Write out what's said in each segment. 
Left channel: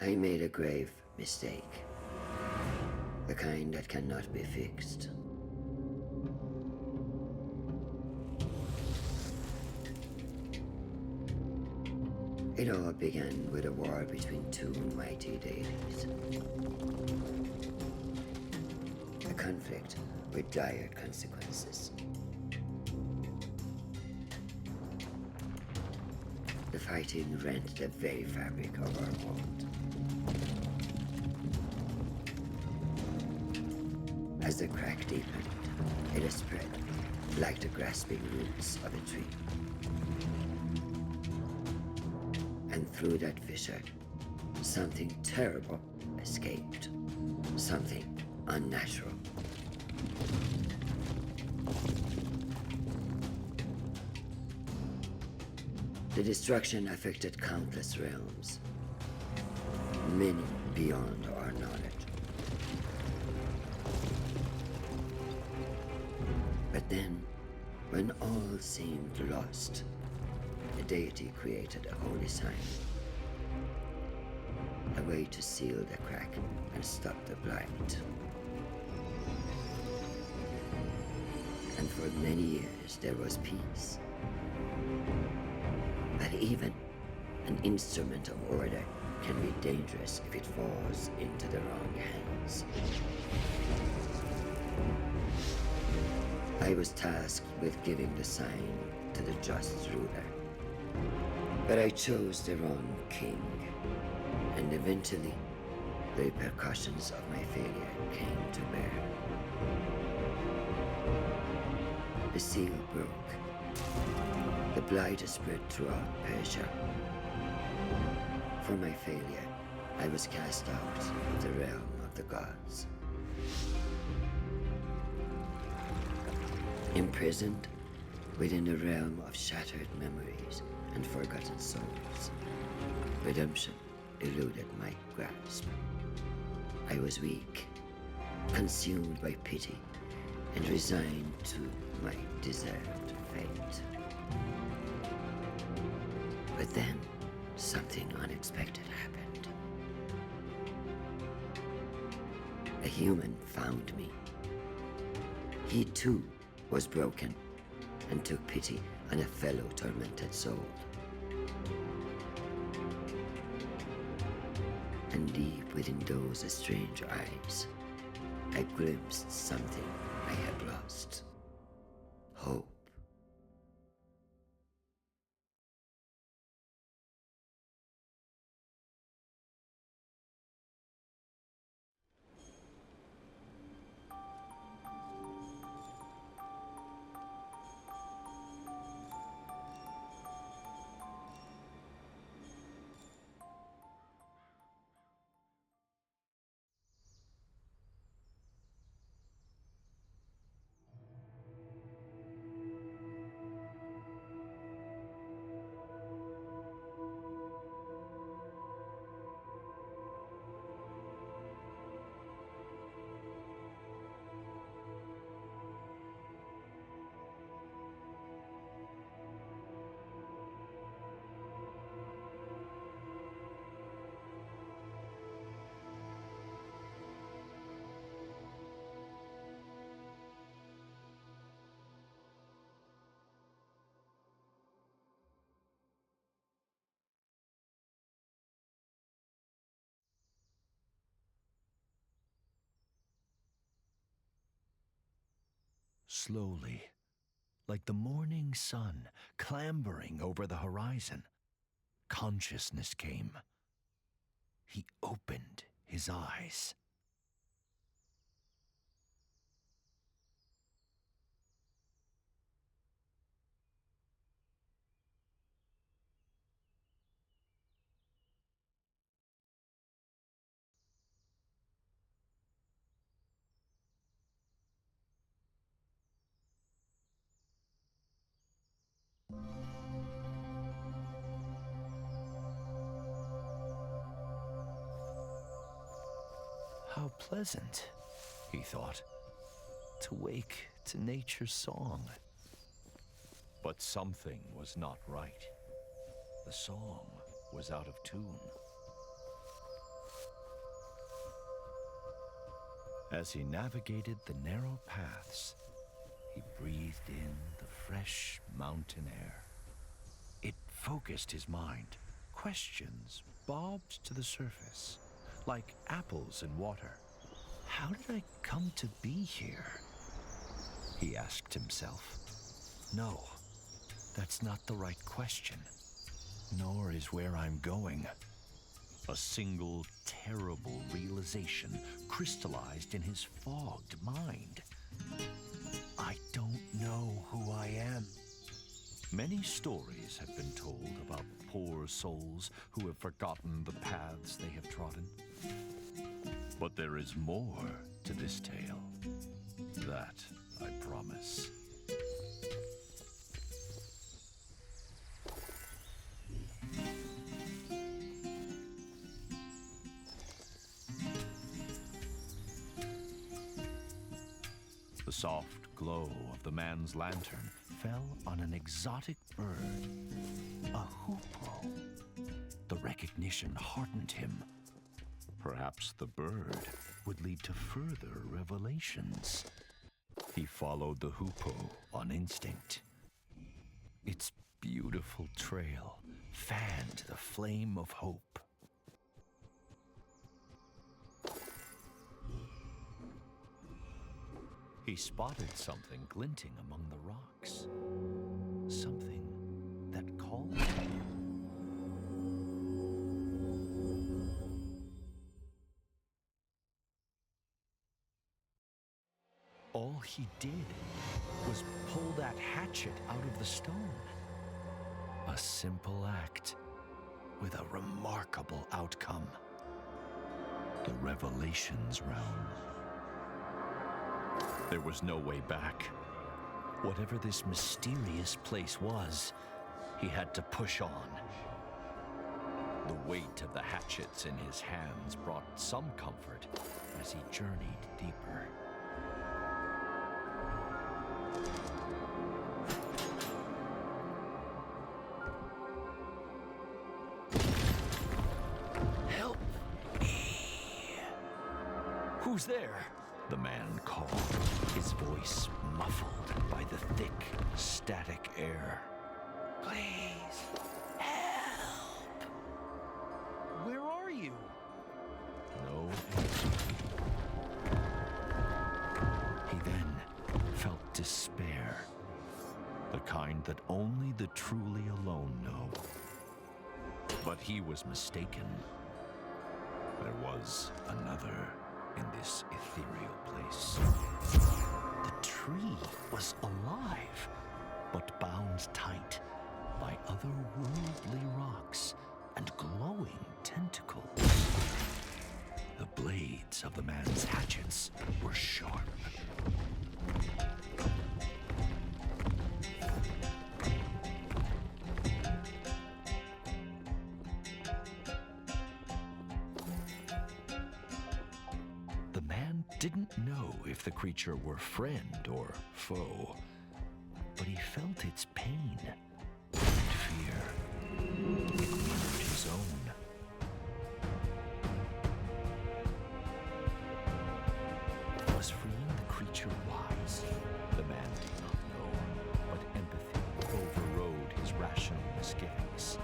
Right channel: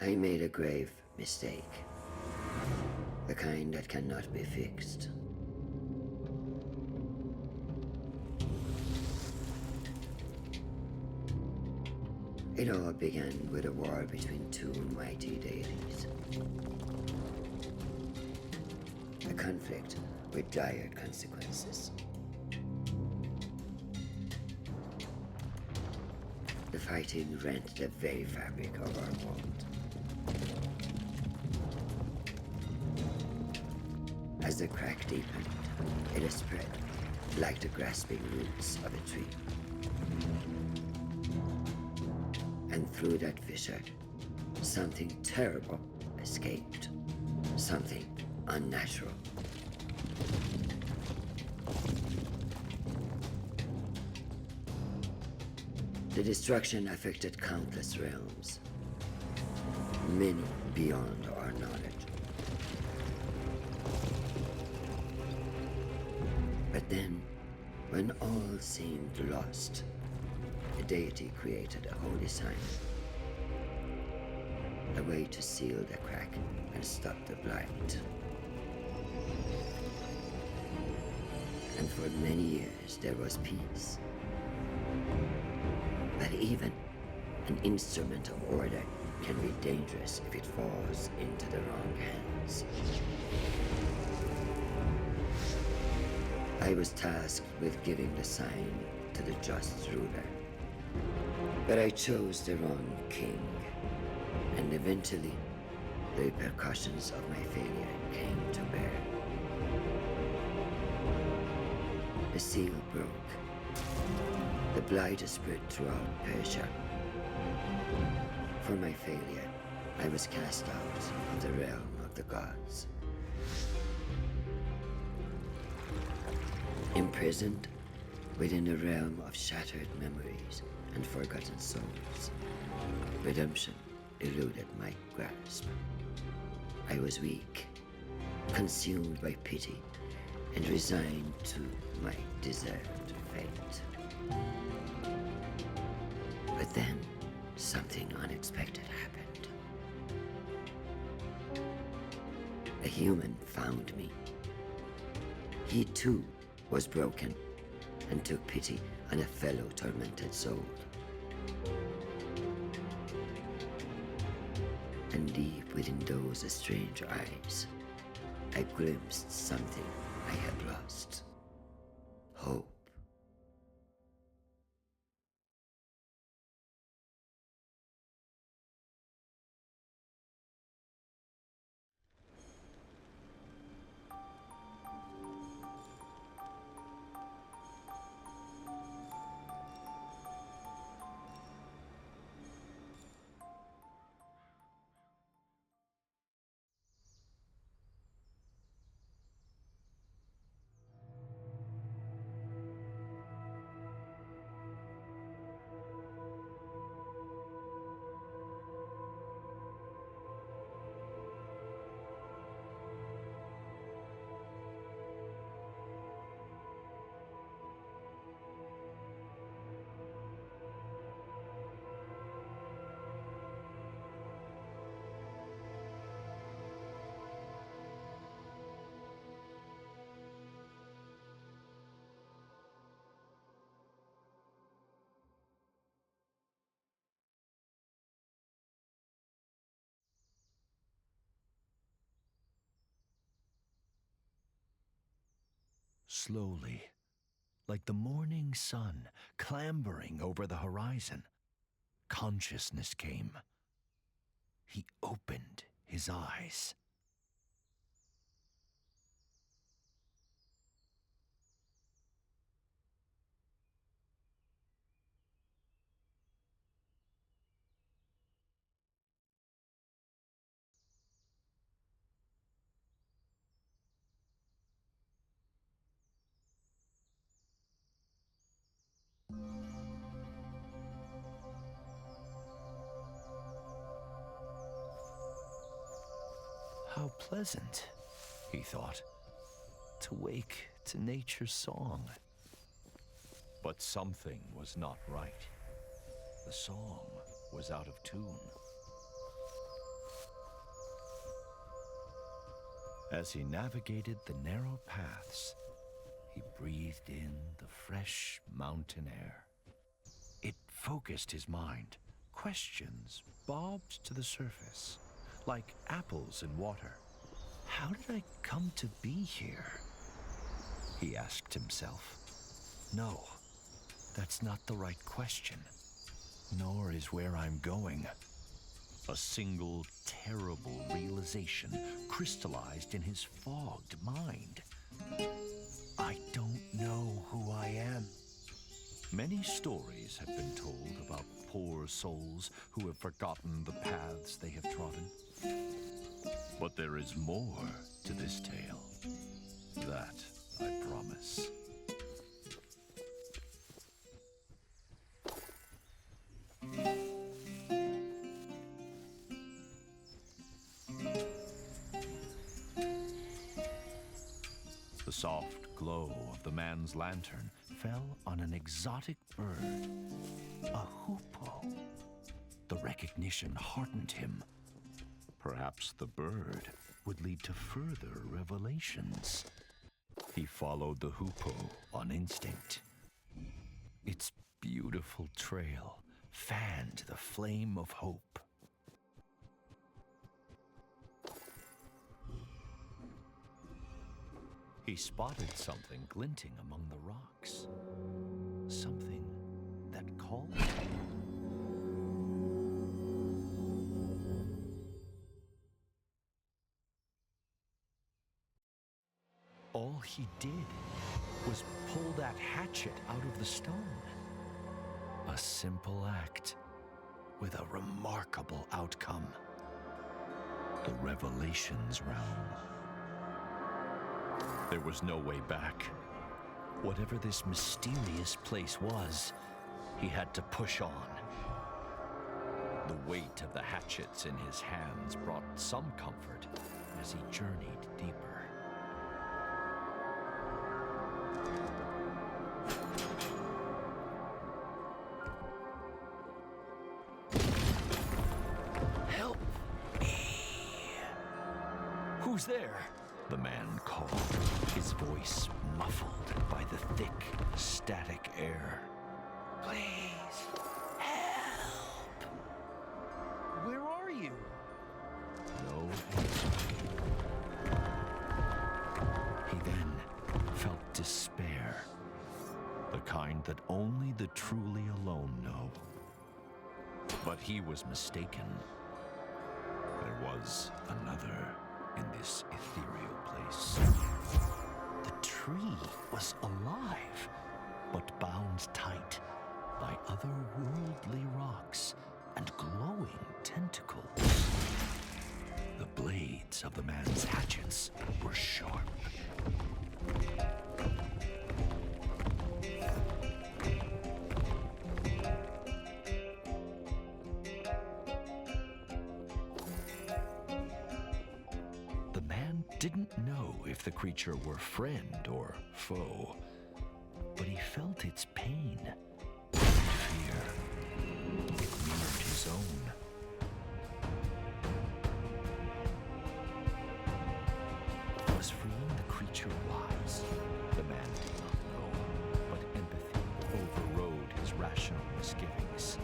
I made a grave mistake. The kind that cannot be fixed. It all began with a war between two mighty deities. A conflict with dire consequences. The fighting rent the very fabric of our world. As the crack deepened, it spread like the grasping roots of a tree. And through that fissure, something terrible escaped. Something unnatural. The destruction affected countless realms, many beyond our knowledge. But then, when all seemed lost, the deity created a holy sign. A way to seal the crack and stop the blight. And for many years there was peace. But even an instrument of order can be dangerous if it falls into the wrong hands. I was tasked with giving the sign to the just ruler. But I chose the wrong king, and eventually the repercussions of my failure came to bear. The seal broke. The blight spread throughout Persia. For my failure, I was cast out of the realm of the gods. Imprisoned within a realm of shattered memories and forgotten souls. Redemption eluded my grasp. I was weak, consumed by pity, and resigned to my deserved fate. But then, something unexpected happened. A human found me. He too was broken and took pity on a fellow tormented soul. And deep within those strange eyes, I glimpsed something I had lost. Hope. Slowly, like the morning sun clambering over the horizon, consciousness came. He opened his eyes. How pleasant, he thought, to wake to nature's song. But something was not right. The song was out of tune. As he navigated the narrow paths, he breathed in the fresh mountain air. It focused his mind. Questions bobbed to the surface, like apples in water. How did I come to be here? He asked himself. No, that's not the right question, nor is where I'm going. A single terrible realization crystallized in his fogged mind. I don't know who I am. Many stories have been told about poor souls who have forgotten the paths they have trodden. But there is more to this tale. That I promise. The soft glow of the man's lantern fell on an exotic bird, a hoopoe. The recognition heartened him. Perhaps the bird would lead to further revelations. He followed the hoopoe on instinct. Its beautiful trail fanned the flame of hope. He spotted something glinting among the rocks. Something that called him. All he did was pull that hatchet out of the stone. A simple act with a remarkable outcome. The Revelations realm. There was no way back. Whatever this mysterious place was, he had to push on. The weight of the hatchets in his hands brought some comfort as he journeyed deeper. Help me! Who's there? The man called, his voice muffled by the thick, static air. Please, help! Where are you? No answer. He then felt despair, the kind that only the truly alone know. But he was mistaken. There was another in this ethereal place. The tree was alive, but bound tight by otherworldly rocks and glowing tentacles. The blades of the man's hatchets were sharp. Didn't know if the creature were friend or foe, but he felt its pain and fear. It mirrored his own. Was freeing the creature wise? The man did not know, but empathy overrode his rational misgivings.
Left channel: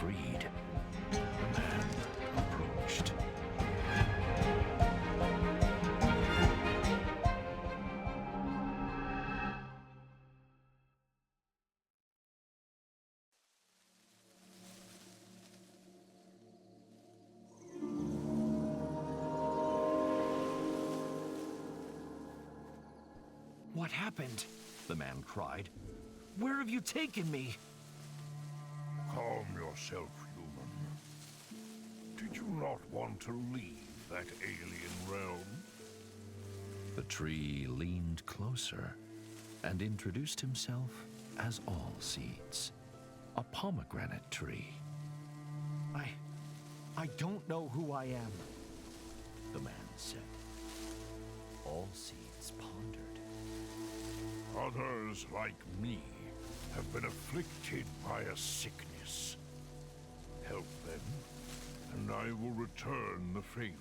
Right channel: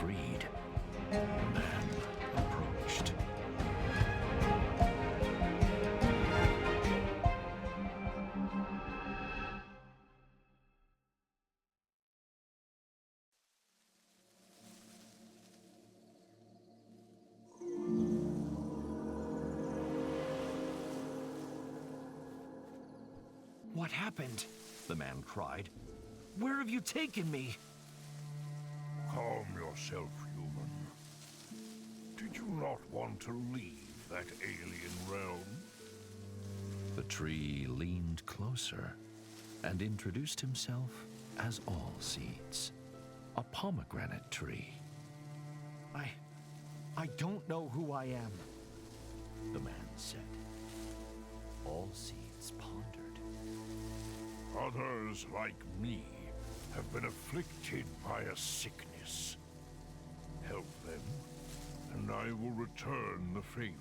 Freed, the man approached. What happened? The man cried. Where have you taken me? Calm yourself, human. Did you not want to leave that alien tree leaned closer and introduced himself as All Seeds, a pomegranate tree. I don't know who I am, The man said. All Seeds pondered. Others like me have been afflicted by a sickness. Help them, and I will return the favor.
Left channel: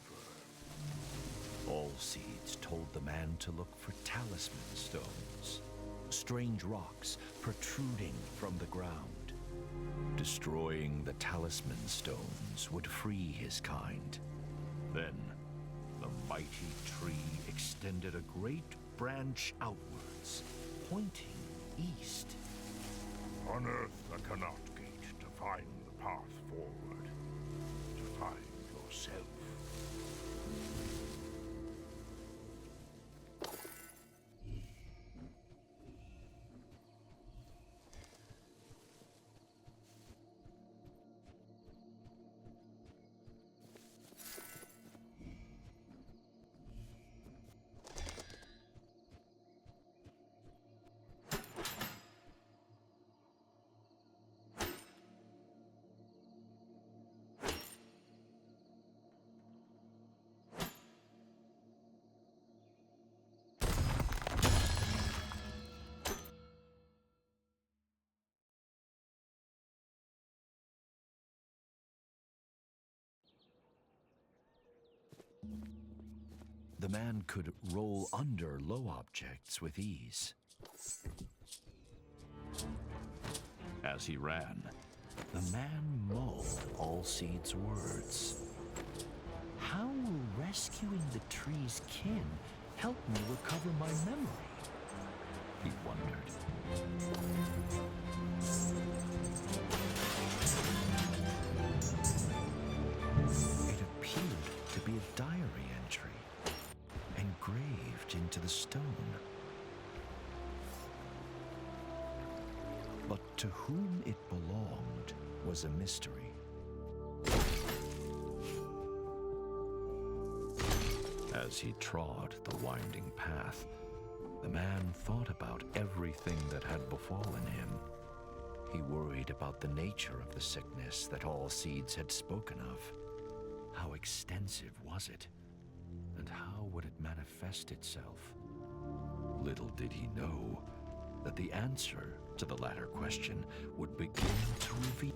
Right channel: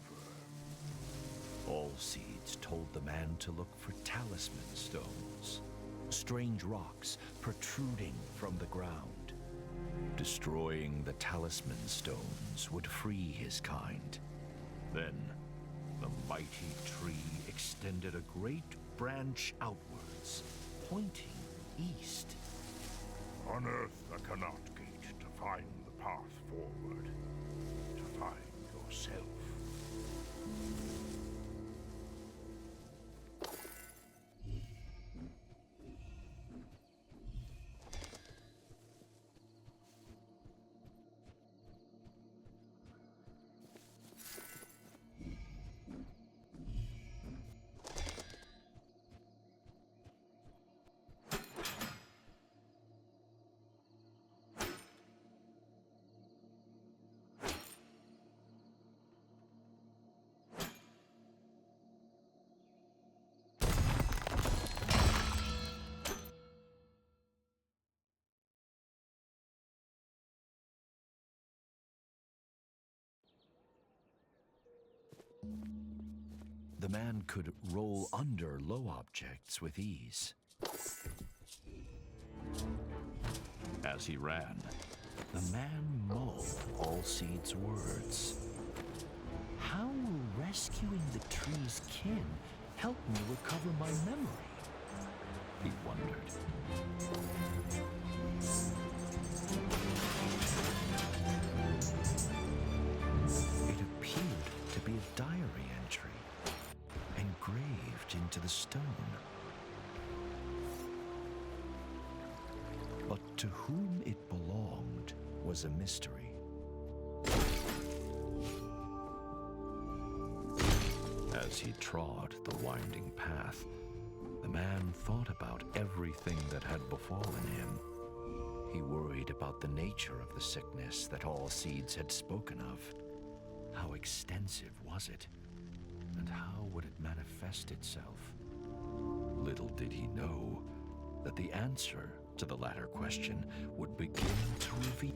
All Seeds told the man to look for talisman stones, strange rocks protruding from the ground. Destroying the talisman stones would free his kind. Then, the mighty tree extended a great branch outwards, pointing east. Unearth the Canot Gate to find the path forward, to find yourself. The man could roll under low objects with ease. As he ran, the man mulled All Seeds' words. How will rescuing the tree's kin help me recover my memory? He wondered. It appeared to be a diary entry, engraved into the stone. But to whom it belonged was a mystery. As he trod the winding path, the man thought about everything that had befallen him. He worried about the nature of the sickness that All Seeds had spoken of. How extensive was it? And how would it manifest itself? Little did he know that the answer to the latter question would begin to reveal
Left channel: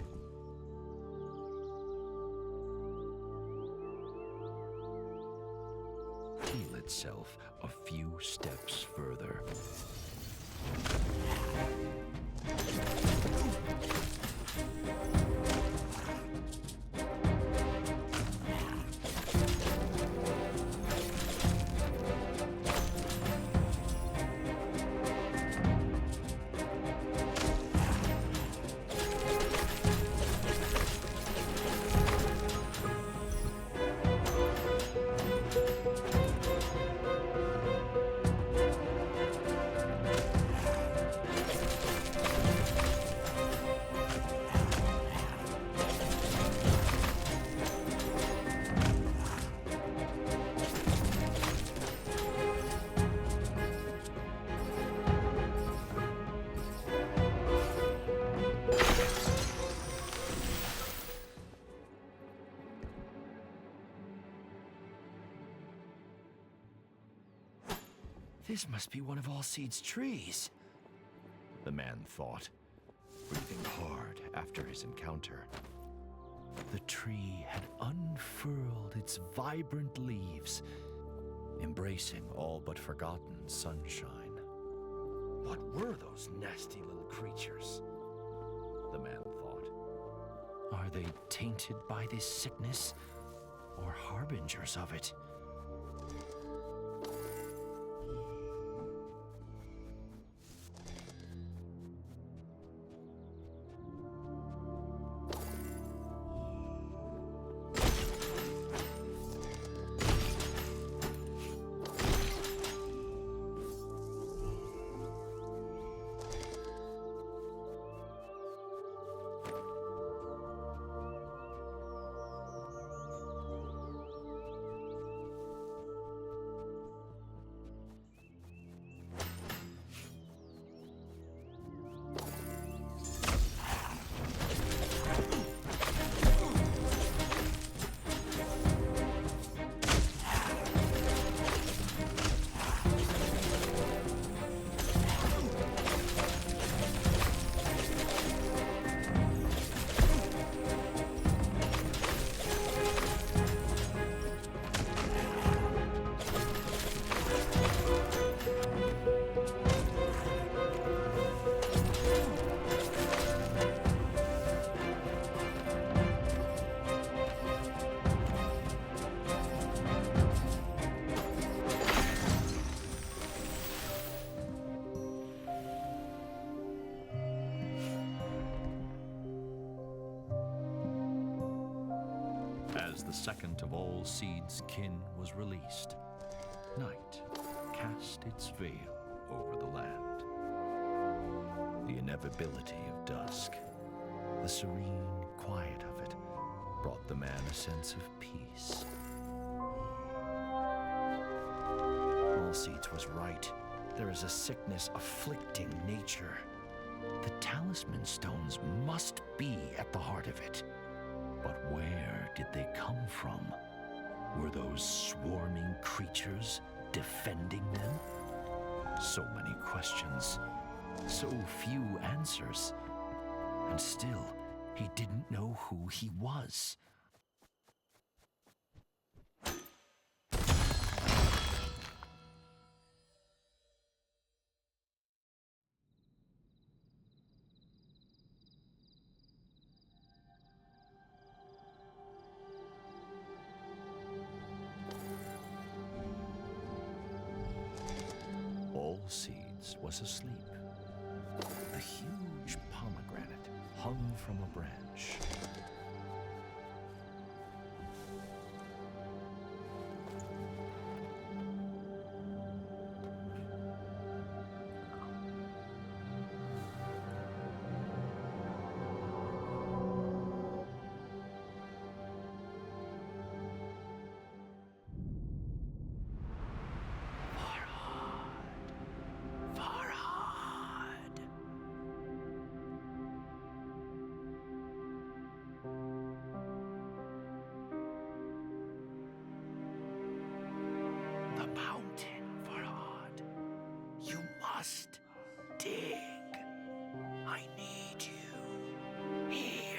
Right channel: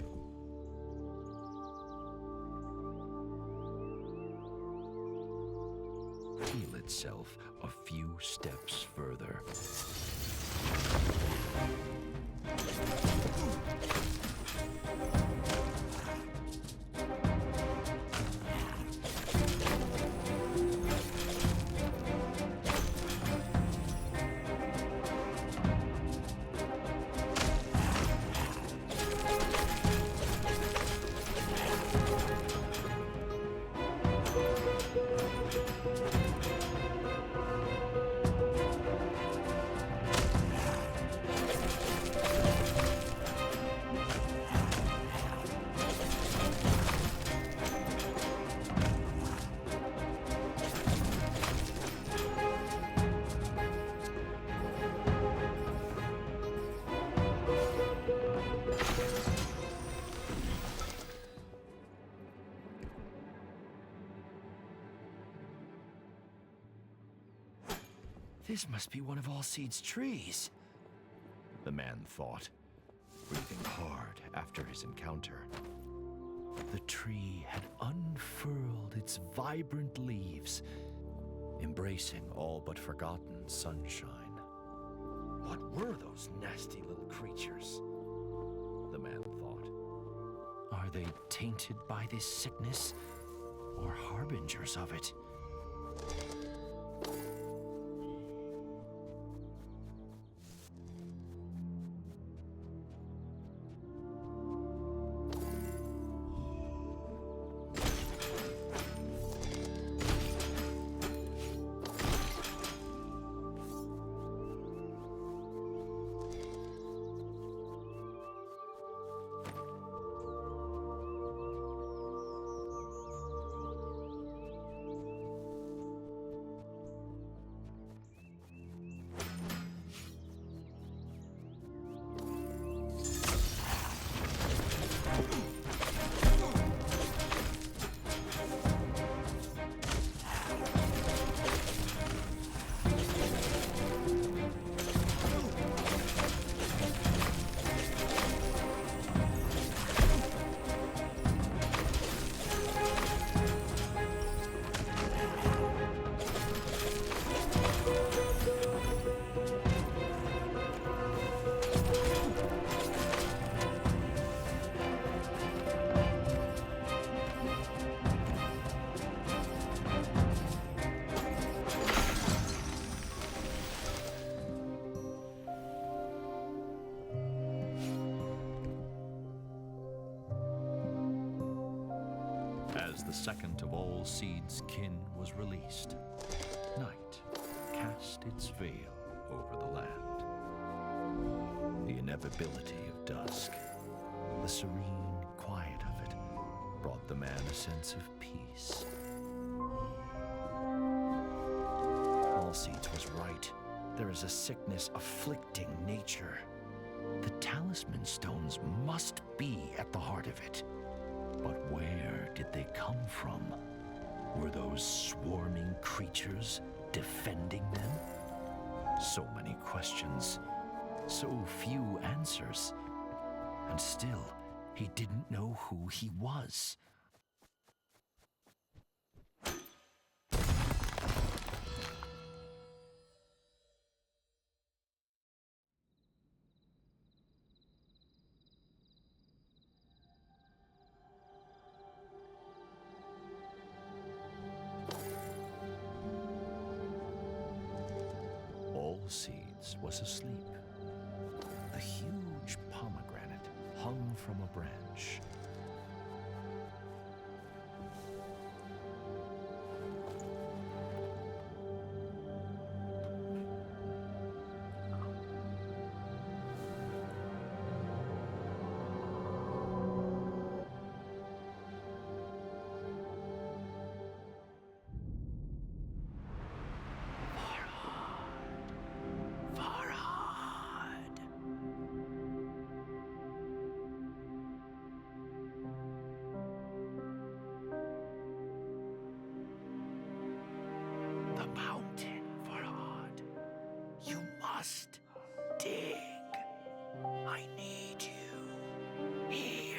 itself a few steps further. This must be one of All Seeds' trees, the man thought, breathing hard after his encounter. The tree had unfurled its vibrant leaves, embracing all but forgotten sunshine. What were those nasty little creatures? The man thought. Are they tainted by this sickness, or harbingers of it? As the second of all Seed's kin was released, night cast its veil over the land. The inevitability of dusk, the serene quiet of it, brought the man a sense of peace. All Seeds was right. There is a sickness afflicting nature. The talisman stones must be at the heart of it. But where did they come from? Were those swarming creatures defending them? So many questions, so few answers. And still, he didn't know who he was. All Seeds was asleep. A huge pomegranate hung from a branch. The mountain, Farhad. You must dig. I need you here.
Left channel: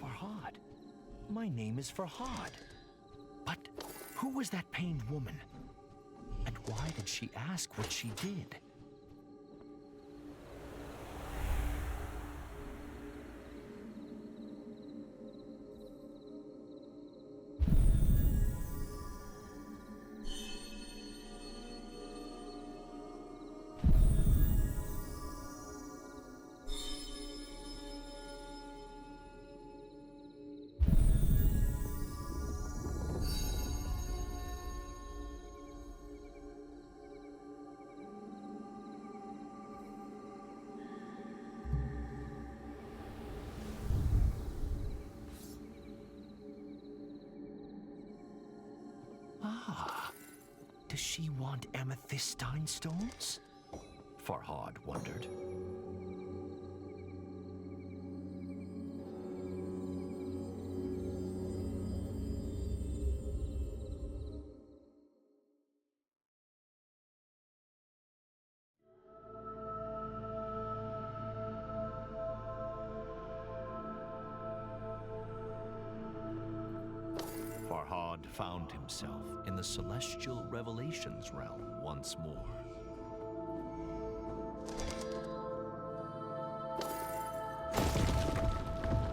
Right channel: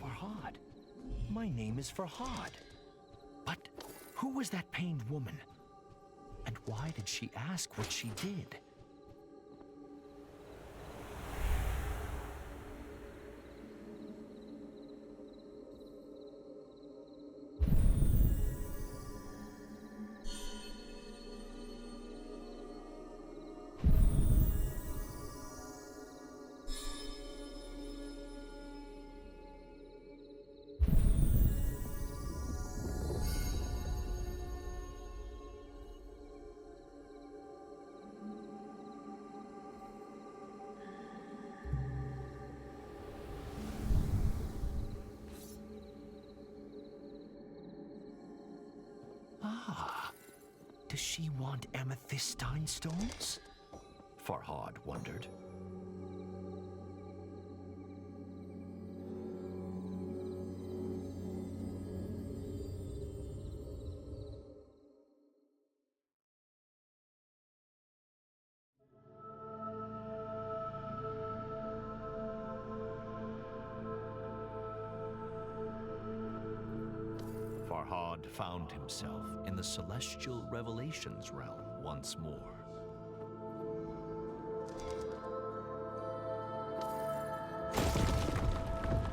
Farhad. My name is Farhad. But who was that pained woman? And why did she ask what she did? Ah, does she want amethystine stones? Farhad wondered. Farhad found himself in the celestial revelations realm once more.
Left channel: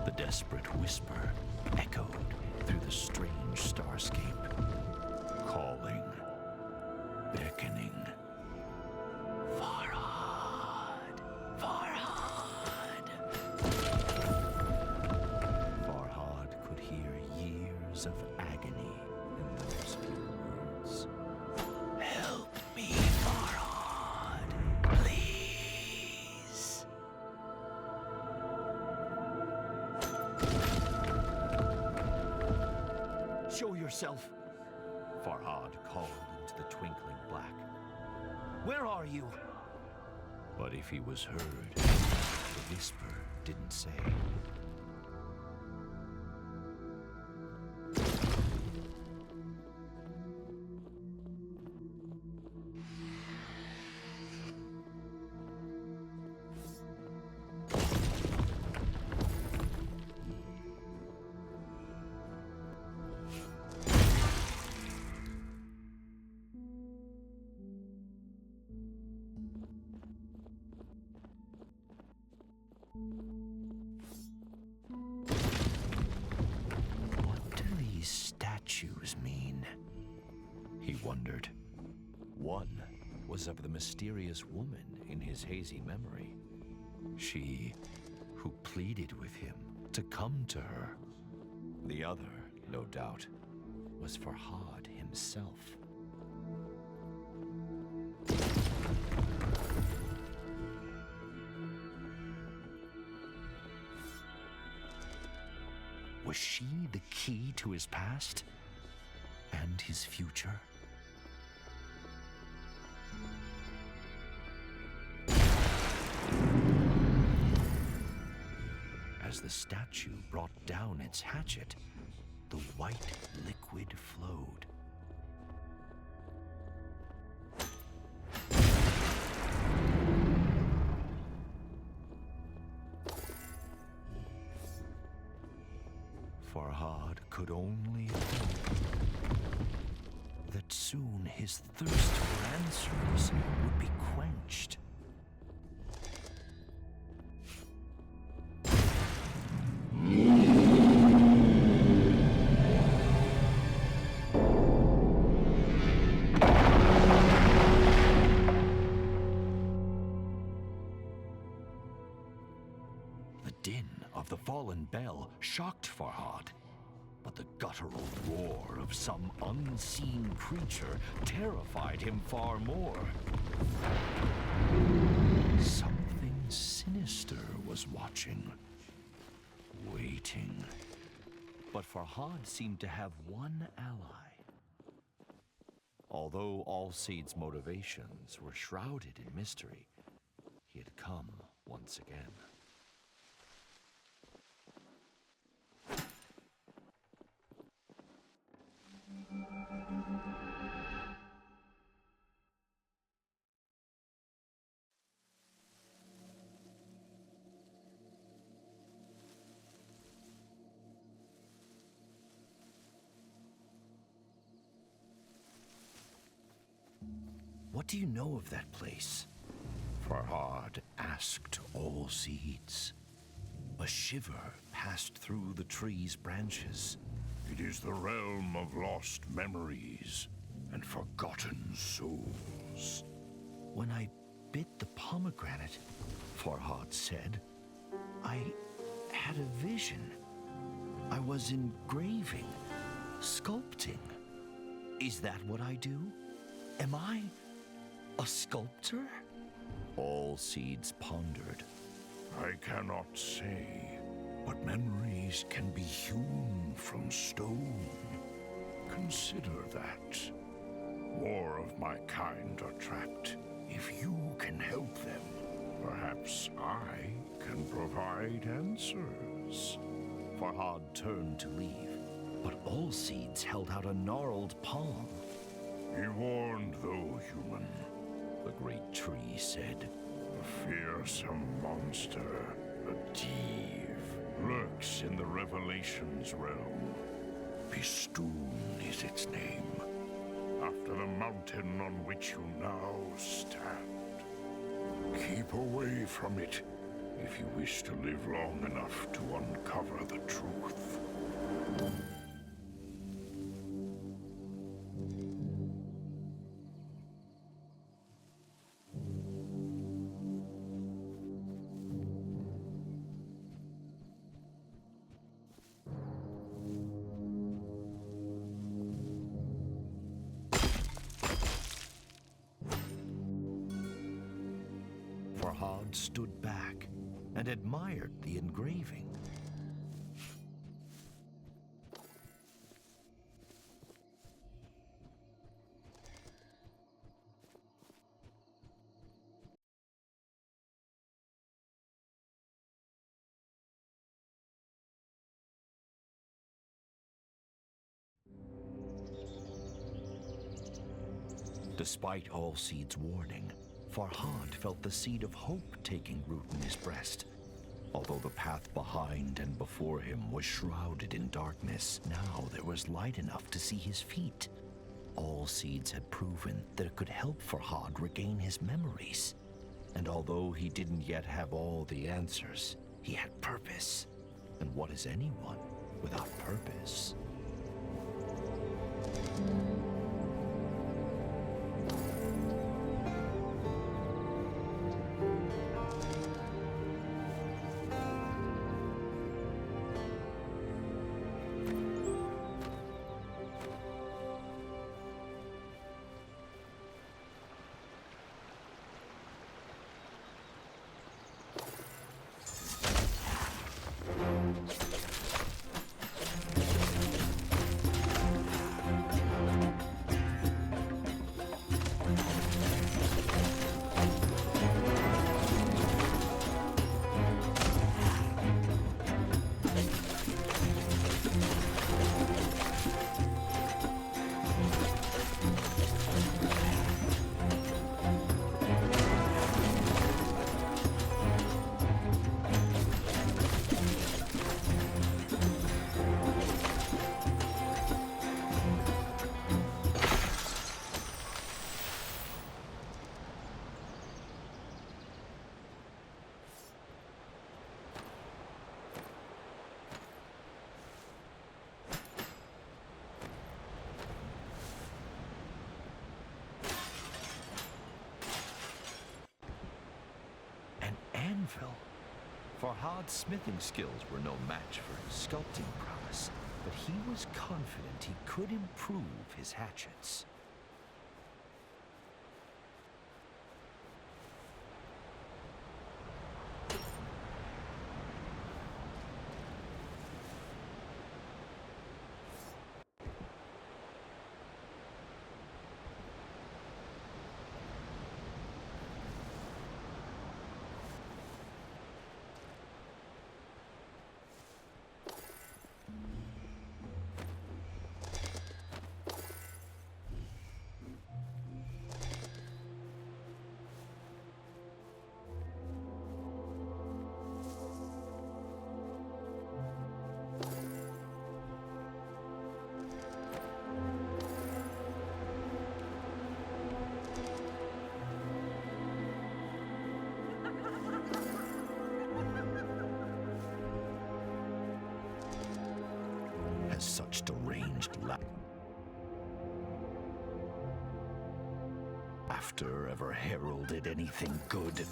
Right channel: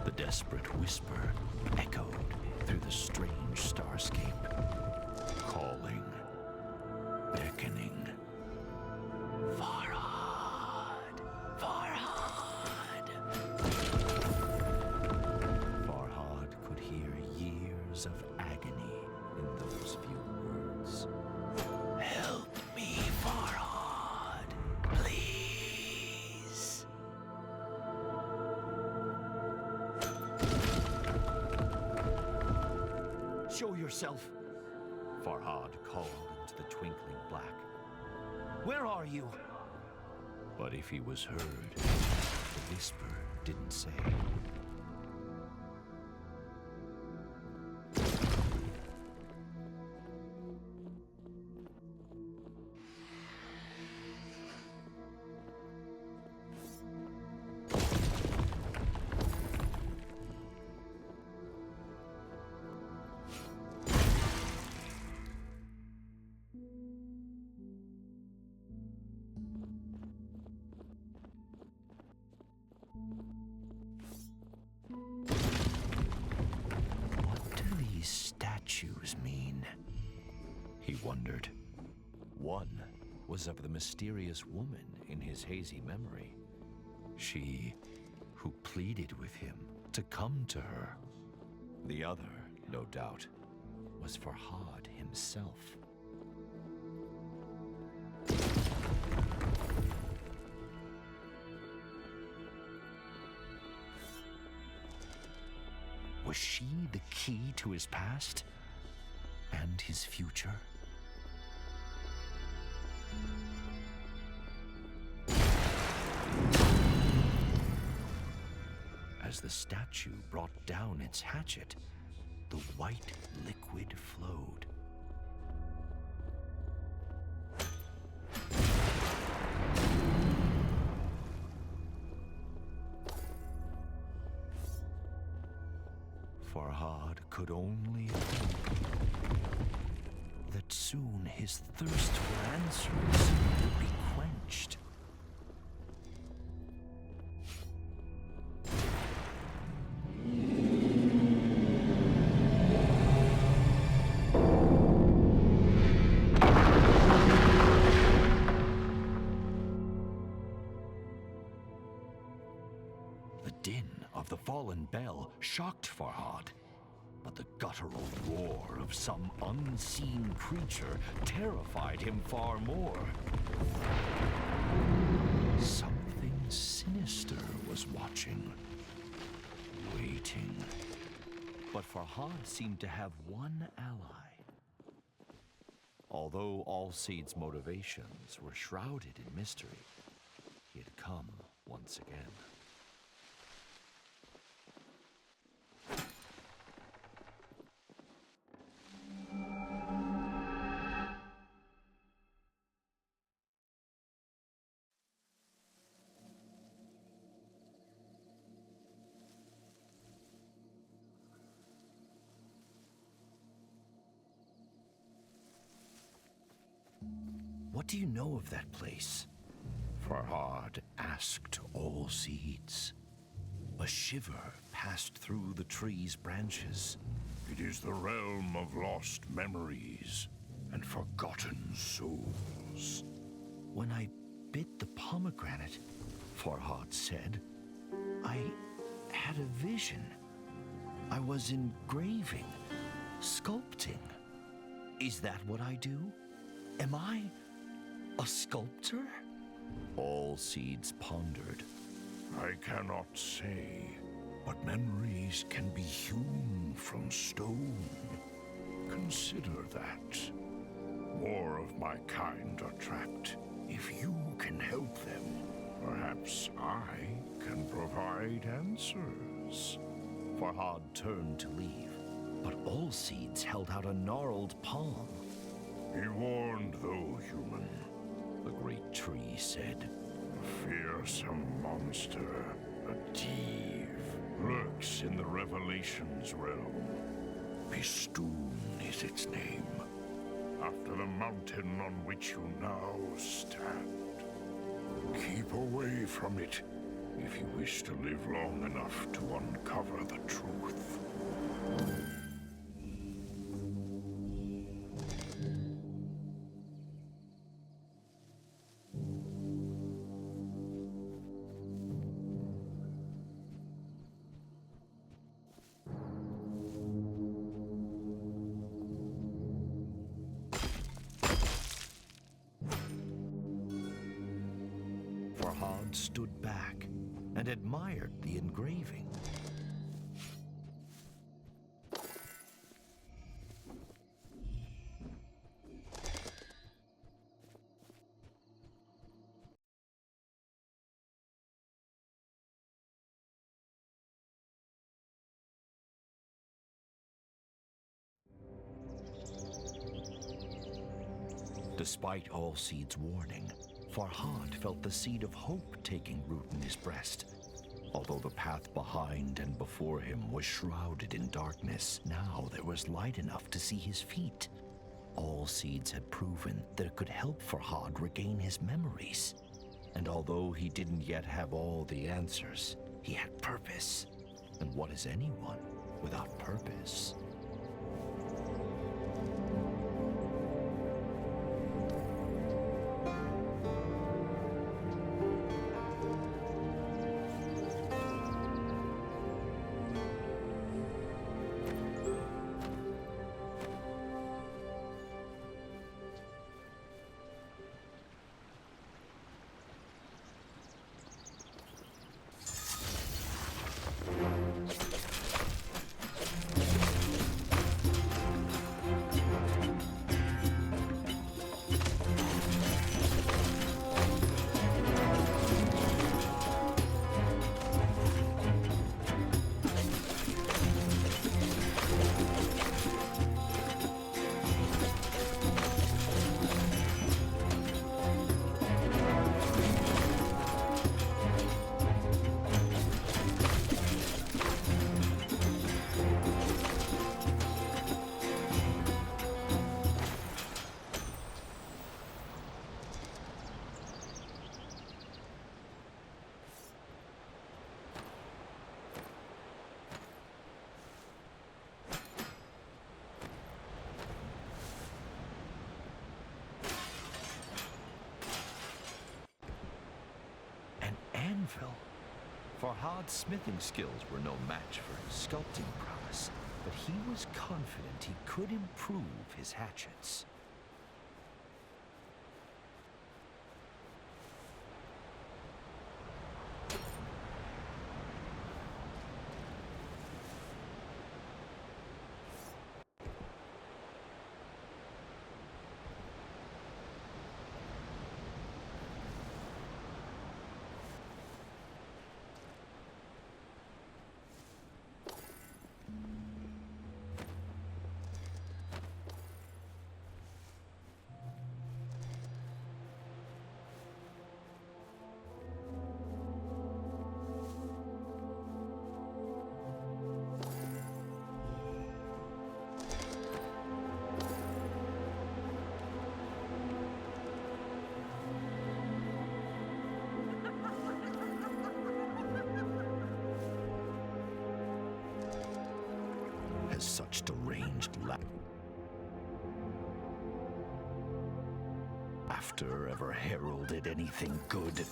The desperate whisper echoed through the strange starscape, calling, beckoning. Farhad! Farhad! Farhad could hear years of agony in those few words. Help me, Farhad, please. Show yourself, Farhad called into the twinkling black. Where are you? But if he was heard, the whisper didn't say. wondered. One was of the mysterious woman in his hazy memory. She who pleaded with him to come to her. The other, no doubt, was Farhad himself. Was she the key to his past and his future? As the statue brought down its hatchet, the white liquid flowed. Farhad could only hope that soon his thirst for answers would be quenched. The din of the fallen bell shocked Farhad, but the guttural roar of some unseen creature terrified him far more. Something sinister was watching, waiting. But Farhad seemed to have one ally. Although Allseed's motivations were shrouded in mystery, he had come once again. What do you know of that place? Farhad asked Allseeds. A shiver passed through the tree's branches. It is the realm of lost memories and forgotten souls. When I bit the pomegranate, Farhad said, I had a vision. I was engraving, sculpting. Is that what I do? Am I a sculptor? Allseeds pondered. I cannot say, but memories can be hewn from stone. Consider that. More of my kind are trapped. If you can help them, perhaps I can provide answers. Farhad turned to leave, but Allseeds held out a gnarled palm. Be warned, though, human. The great tree said. A fearsome monster, a div, lurks in the Revelations realm. Bistun is its name, after the mountain on which you now stand. Keep away from it if you wish to live long enough to uncover the truth. Farhad stood back and admired the engraving. Despite Allseed's warning, Farhad felt the seed of hope taking root in his breast. Although the path behind and before him was shrouded in darkness, now there was light enough to see his feet. Allseeds had proven that it could help Farhad regain his memories. And although he didn't yet have all the answers, he had purpose. And what is anyone without purpose? anvil. Farhad's smithing skills were no match for his sculpting prowess, but he was confident he could improve his hatchets. Such deranged laughter ever heralded anything good?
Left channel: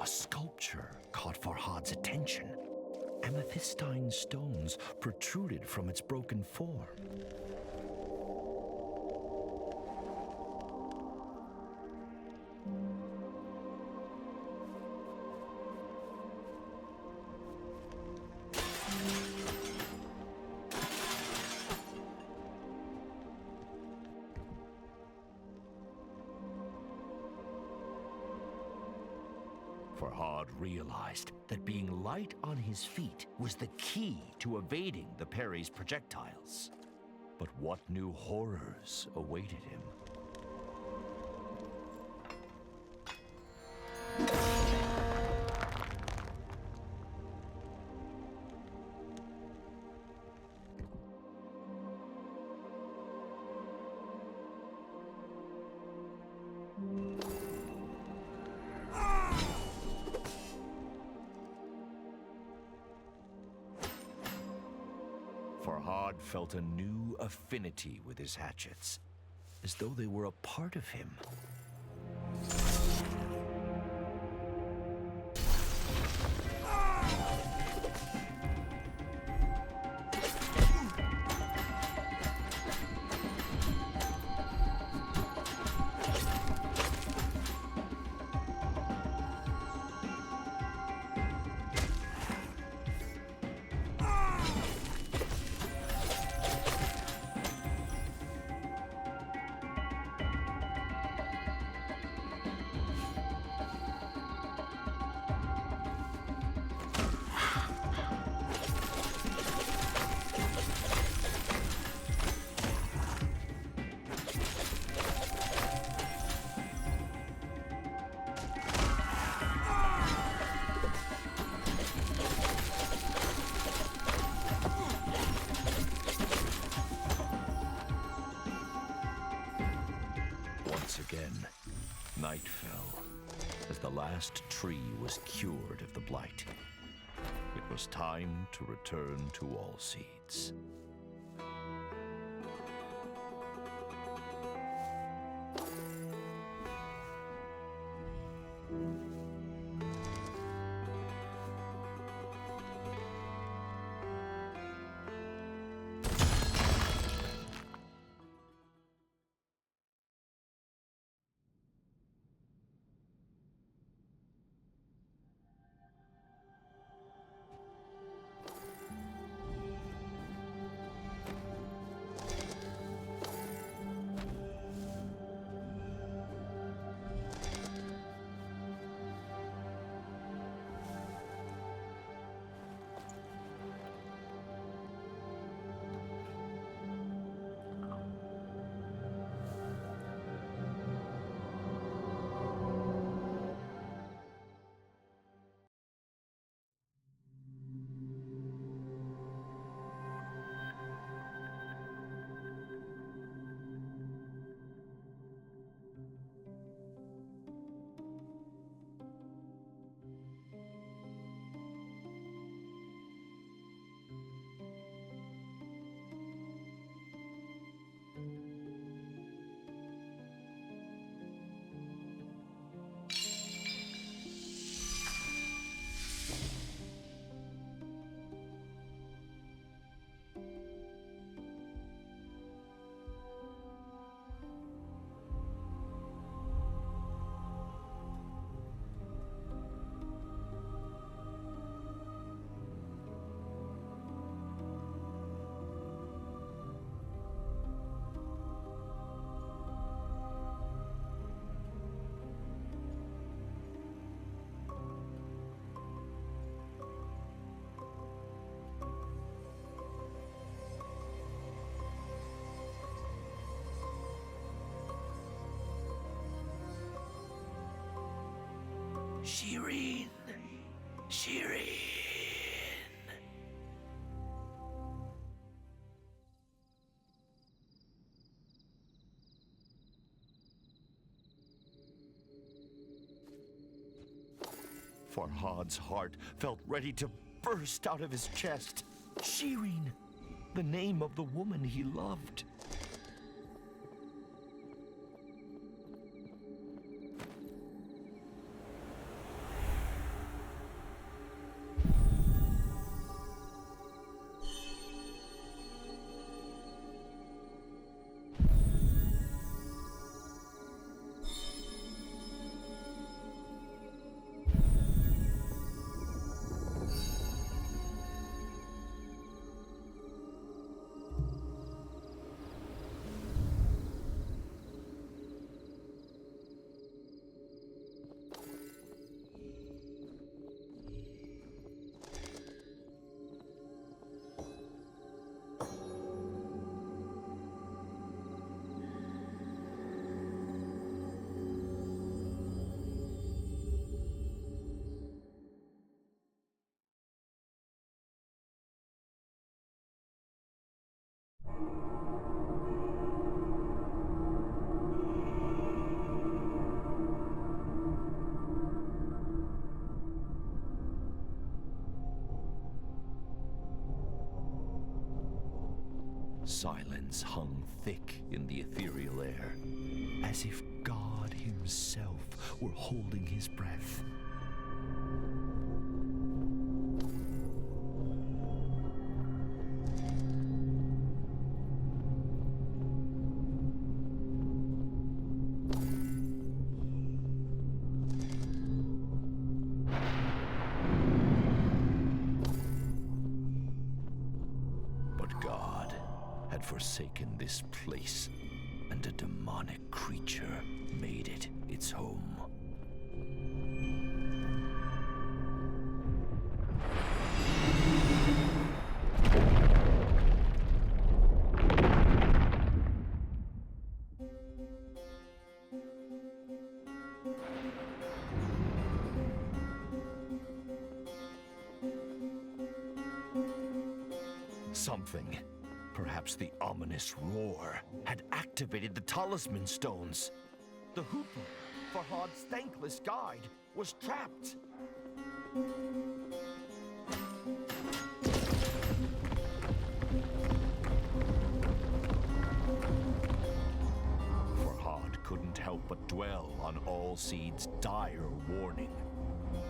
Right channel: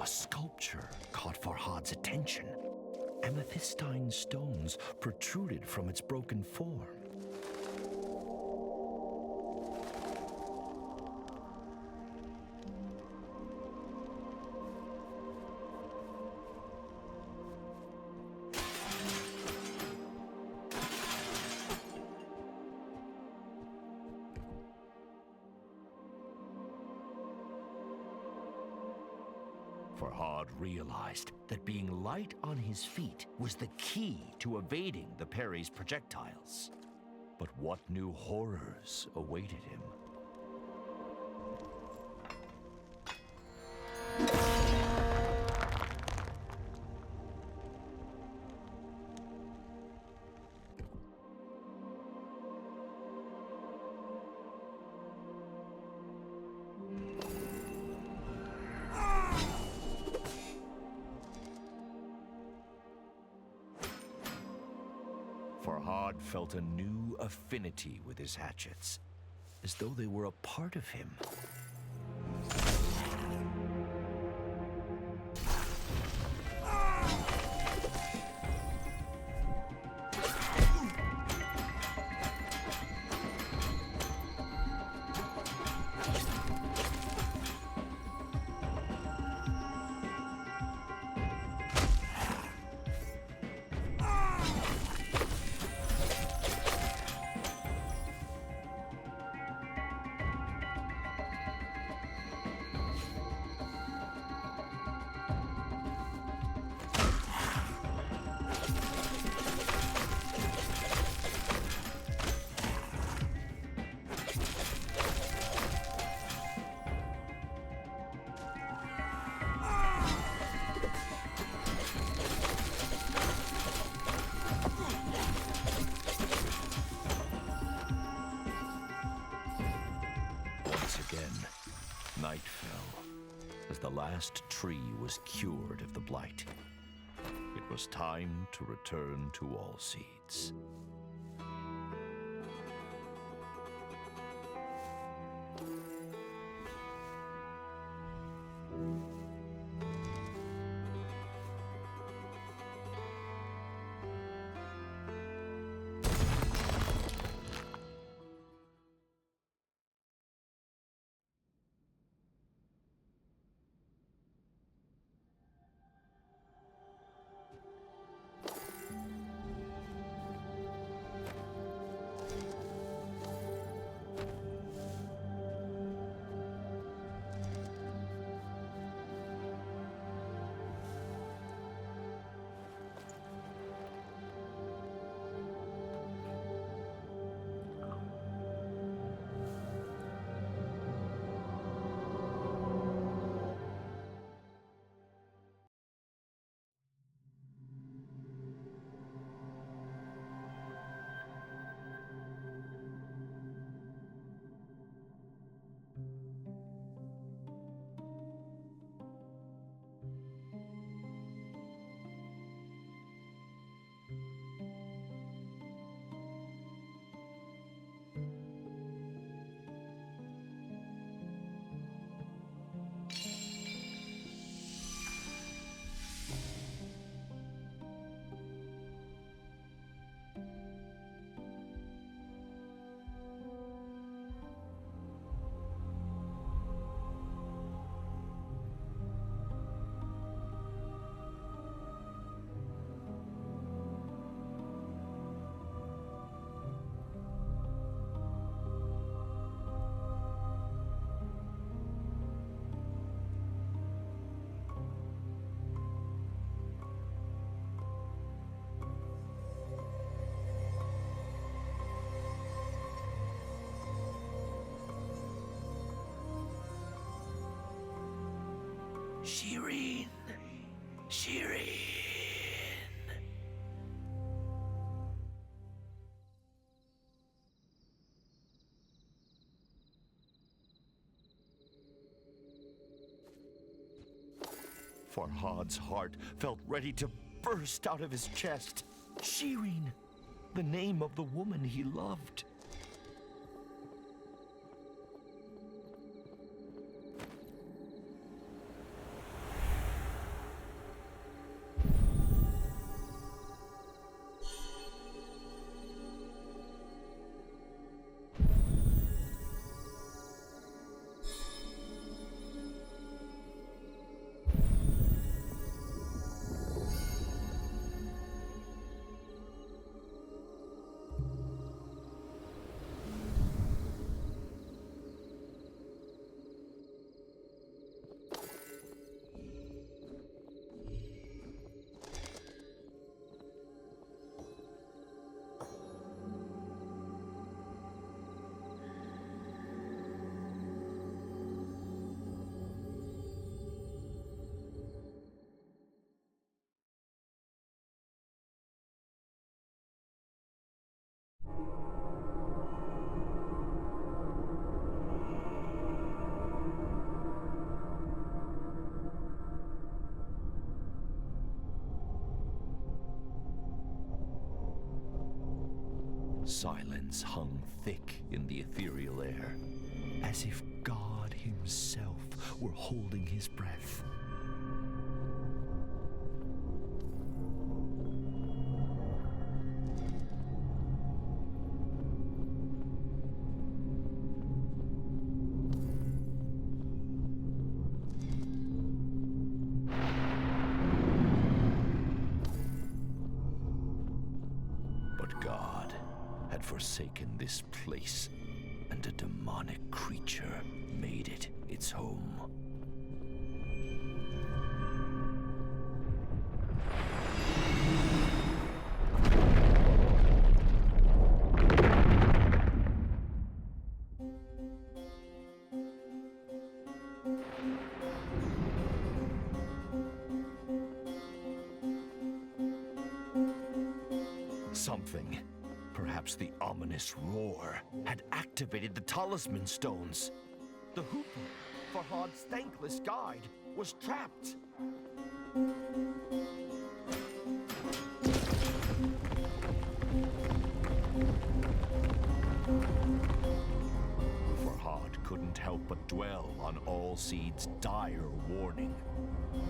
A sculpture caught Farhad's attention. Amethystine stones protruded from its broken form. Farhad realized that being light on his feet was the key to evading the parry's projectiles. But what new horrors awaited him? Farhad felt a new affinity with his hatchets, as though they were a part of him. Once again, night fell, as the last tree was cured of the blight. It was time to return to Allseeds. Shirin! Shirin! Farhad's heart felt ready to burst out of his chest. Shirin! The name of the woman he loved. Silence hung thick in the ethereal air, as if God himself were holding his breath. But God had forsaken this place, and a demonic creature made it its home. Something, perhaps the ominous roar, had activated the talisman stones. The Hoopoe, Farhad's thankless guide, was trapped. Farhad couldn't help but dwell on Allseed's dire warning.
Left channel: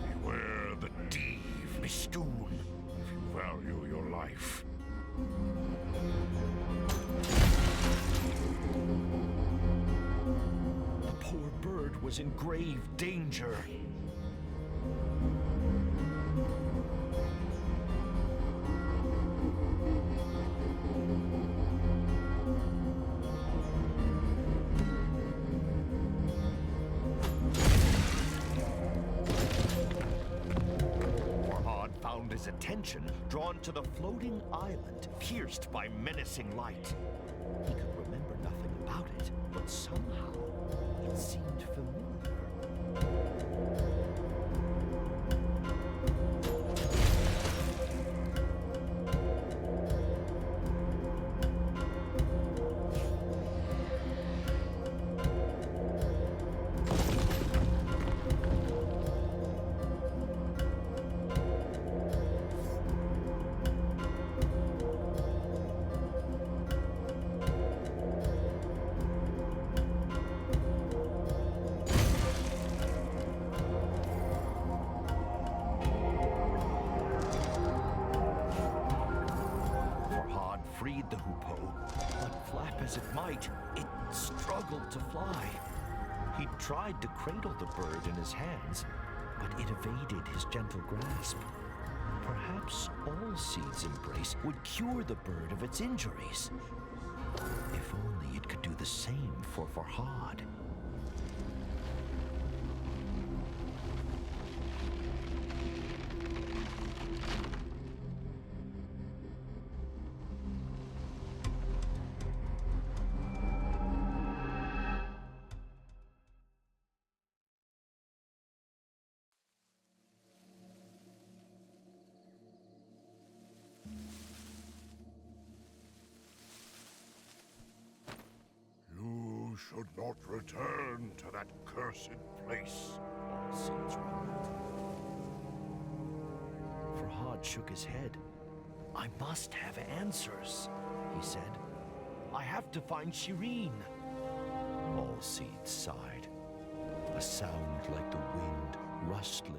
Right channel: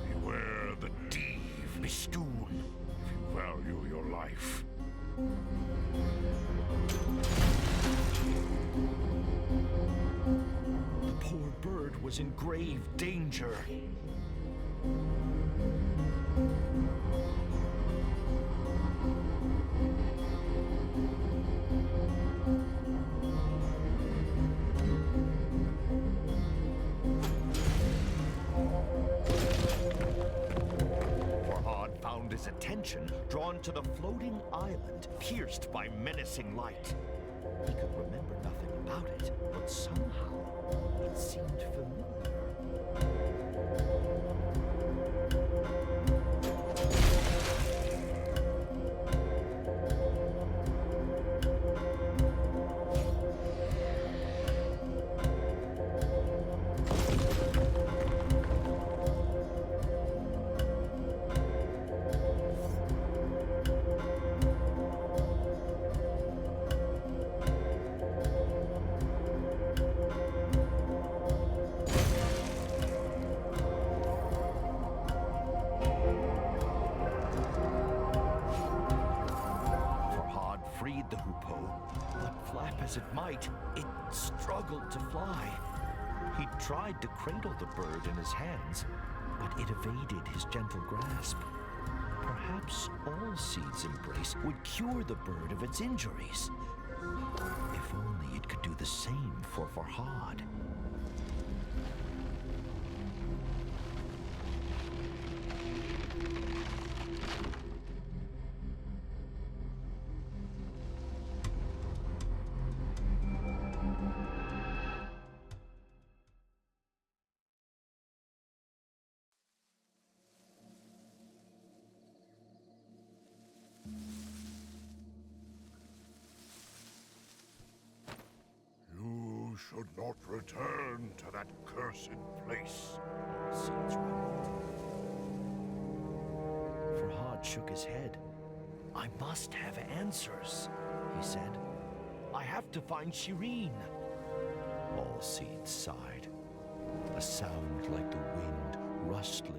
Beware the Div Bistun if you value your life. The poor bird was in grave danger. Farhad found his attention drawn to the floating island pierced by menacing light. He could remember nothing about it, but somehow it seemed familiar. Freed the Hoopoe, but flap as it might, it struggled to fly. He tried to cradle the bird in his hands, but it evaded his gentle grasp. Perhaps Allseed's embrace would cure the bird of its injuries. If only it could do the same for Farhad. should not return to that cursed place. All seeds rumbled. Farhad shook his head. I must have answers, he said. I have to find Shirin. All seeds sighed. A sound like the wind rustling